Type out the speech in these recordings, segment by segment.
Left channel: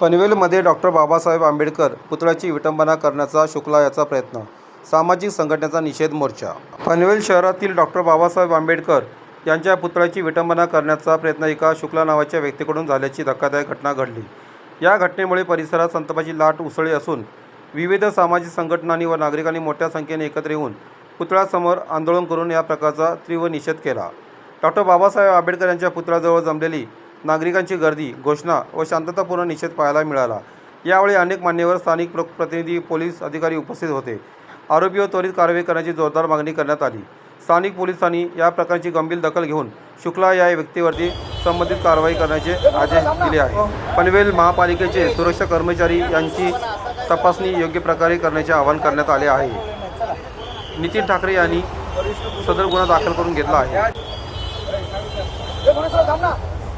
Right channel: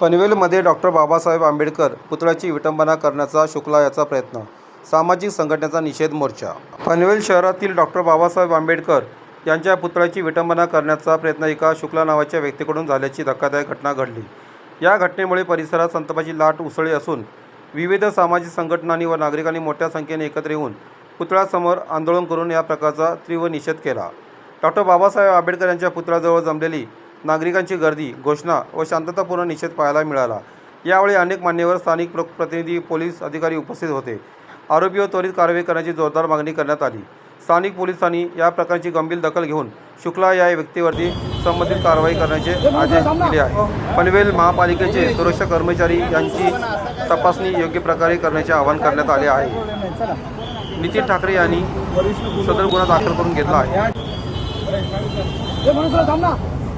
पनवेलमध्ये डॉक्टर बाबासाहेब आंबेडकर पुतळ्याची विटंबना करण्याचा शुक्ला याचा प्रयत्न. सामाजिक संघटनेचा निषेध मोर्चा. पनवेल शहरातील डॉक्टर बाबासाहेब आंबेडकर यांच्या पुतळ्याची विटंबना करण्याचा प्रयत्न एका शुक्ला नावाच्या व्यक्तीकडून झाल्याची धक्कादायक घटना घडली. या घटनेमुळे परिसरात संतापाची लाट उसळली असून विविध सामाजिक संघटनांनी व नागरिकांनी मोठ्या संख्येने एकत्र येऊन पुतळ्यासमोर आंदोलन करून या प्रकारचा तीव्र निषेध केला. डॉक्टर बाबासाहेब आंबेडकर यांच्या पुतळ्याजवळ जमलेली नागरिकांची गर्दी घोषणा व शांततापूर्ण निषेध पाहायला मिळाला. यावेळी अनेक मान्यवर स्थानिक प्र- प्रतिनिधी पोलीस अधिकारी उपस्थित होते. आरोपीवर त्वरित कारवाई करण्याची जोरदार मागणी करण्यात आली. स्थानिक पोलिसांनी या प्रकारची गंभीर दखल घेऊन शुक्ला या व्यक्तीवरती संबंधित कारवाई करण्याचे आदेश दिले आहे पनवेल महापालिकेचे सुरक्षा कर्मचारी यांची तपासणी योग्य प्रकारे करण्याचे आवाहन करण्यात आले आहे. नितीन ठाकरे यांनी सदर गुन्हा दाखल करून घेतला आहे.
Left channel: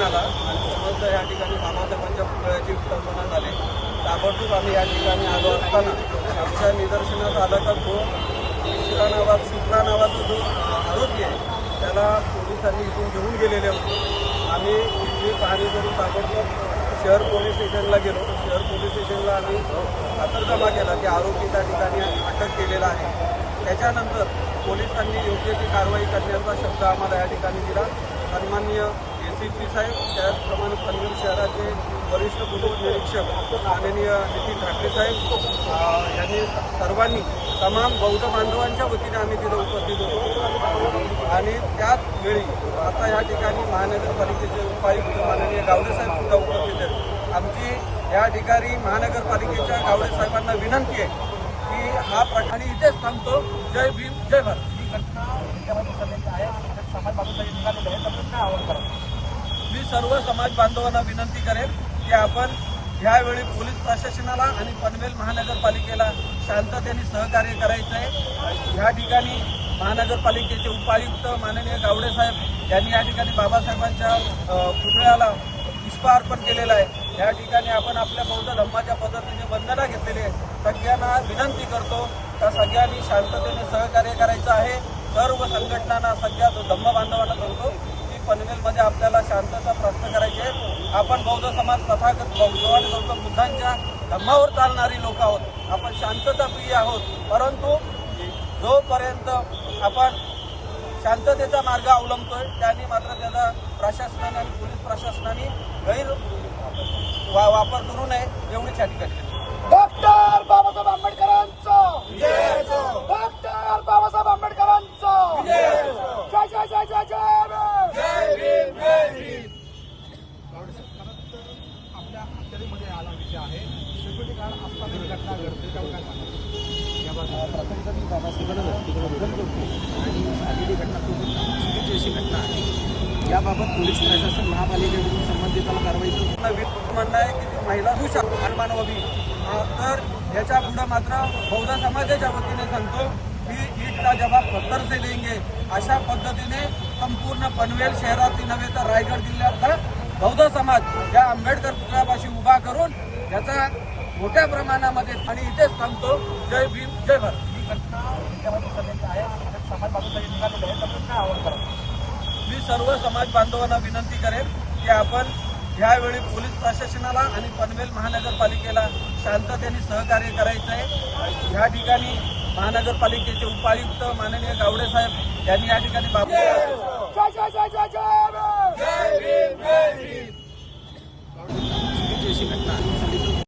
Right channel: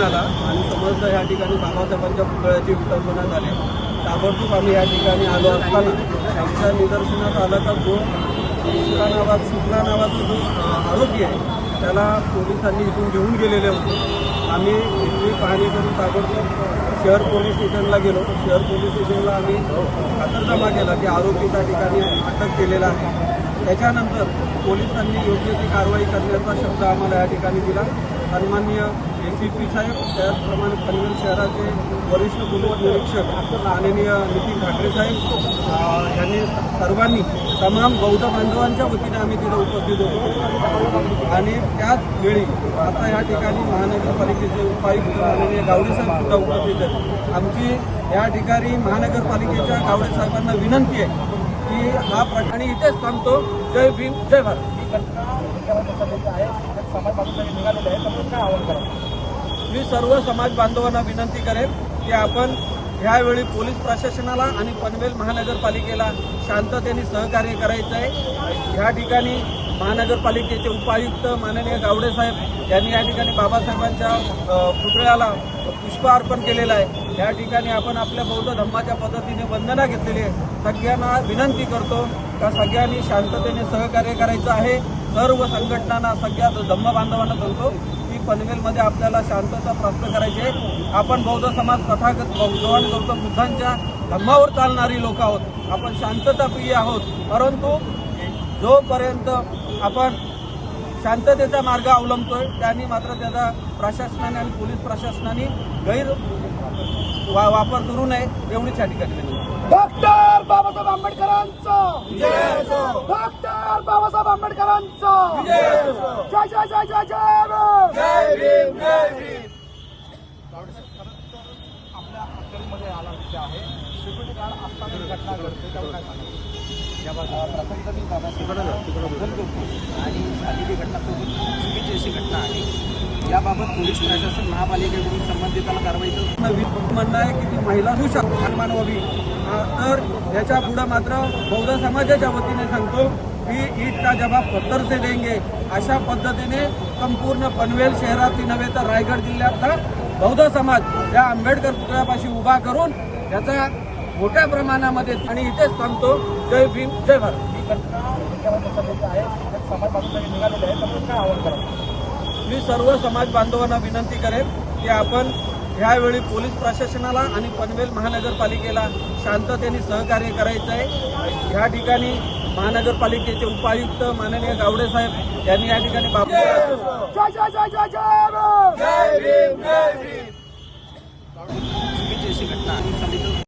फोन आला आणि समजलं या ठिकाणी बाबासाहेबांच्या पुतळ्याची विटंबना झाली ताबडतोब आम्ही या ठिकाणी आलो असताना आमच्या निदर्शनात आलं का जो शुक्ला नावात जो, आरोपी आहे. त्याला पोलिसांनी इथून घेऊन गेलेले होते. आम्ही इथली पाहणी करून ताबडतोब शहर पोलीस स्टेशनला गेलो. शहर पोलीस स्टेशनला आम्ही जमा केला की आरोपी त्या ठिकाणी अटक केलेला आहे. त्याच्यानंतर पोलिसांनी योग्य ती कारवाई करण्याचा शब्द आम्हाला या ठिकाणी दिला. सन्माननीय ए सी पी साहेब त्याचप्रमाणे पनवेल शहराचे वरिष्ठ पोलीस निरीक्षक माननीय नितीन ठाकरे साहेब यांनी सर्वांनी तमाम बौद्ध बांधवांच्या वतीने आम्ही तिथे उपस्थित होतो. आणि त्याच वेळी आता या ठिकाणी महानगरपालिकेचे उपायुक्त माननीय गावडे साहेब सुद्धा उपस्थित आहेत. आमची या ठिकाणी महानगरपालिकेच्या गावडे साहेबांना विनंती आहे की हा प्रकरणी इथेच थांबतो. जय भीम जय भारत ही घटना त्याच्यावर पसरलेली आहे समाज बाजूला निघालेले आहे तर काय आवाहन करा मी सर्व समाज बांधवांना विनंती करेन की आपण ह्यावेळी पोलीस प्रशासनाला आणि पनवेल महानगरपालिकेला शांततेने सहकार्य करायचं आहे. ह्या ठिकाणी महानगरपालिकेचे उपायुक्त माननीय गावडे साहेब यांनी या ठिकाणी बाबासाहेबांच्या पुतळ्याला पुष्प अर्पण केलेलं आहे. या ठिकाणी आपण आपल्या बौद्ध धम्माच्या पद्धतीने वंदना घेतलेली आहे. सगळ्यांना विनंती करतो का सगळ्यांनी शांततेने सहकार्य करायचं आहे. सर्व संघटनांना सगळ्या धम्म बांधवांना सांगतो की पनवेलमध्ये आपल्याला शांतता प्रस्त करायची आहे. आपण बौद्ध समाज तथागत भगवान गौतम बुद्धांच्या धम्मावर चालणारी लोक आहोत. आपण शांतताप्रिय आहोत. परंतु जोपर्यंत आपण शांततेचा मार्ग अवलंबतोय त्यांनी मात्र त्याचा प्रशासनाने आणि पोलीस प्रशासनाने गैर वा- वापर करू नये एवढीच या ठिकाणी. डॉक्टर बाबासाहेब आंबेडकरांचं! डॉक्टर बाबासाहेब आंबेडकरांचं जय जय जय जय जय राम. आपल्या विषय आहे. सिक्युरिटी गार्ड असताना ही घटना घडते त्यावर काय मी करतो आणि झालेली घटना खूप चुकीची अशी घटना आहे. याबाबत पोलीस प्रशासन महापालिकेकडून संबंधिताला कारवाई म्हणणं आहे. की ती महिला होऊ शकतो व्हावी. तर याच्या पुढं मात्र बौद्ध समाजाच्या वतीने सांगतो की ईट का जवाब पत्तर से देंगे. अशा पद्धतीने संपूर्ण पनवेल शहरातील नव्हे तर रायगड जिल्ह्यातला बौद्ध समाज या आंबेडकर पुतळ्यापाशी उभा करून याचा मोठ्या प्रमाणामध्ये आणि इथेच थांबतो. जय भीम जय भारत. ही घटना आहे. समाज निघालेले आहे. काय आवाहन मी सर्व समाज बांधवांना विनंती करेन की आपण ह्यावेळी पोलीस प्रशासनाला आणि पनवेल महानगरपालिकेला शांततेने सहकार्य करायचं आहे. ह्या ठिकाणी महानगरपालिकेचे उपायुक्त माननीय गावडे साहेब यांनी या ठिकाणी बाब- जय जय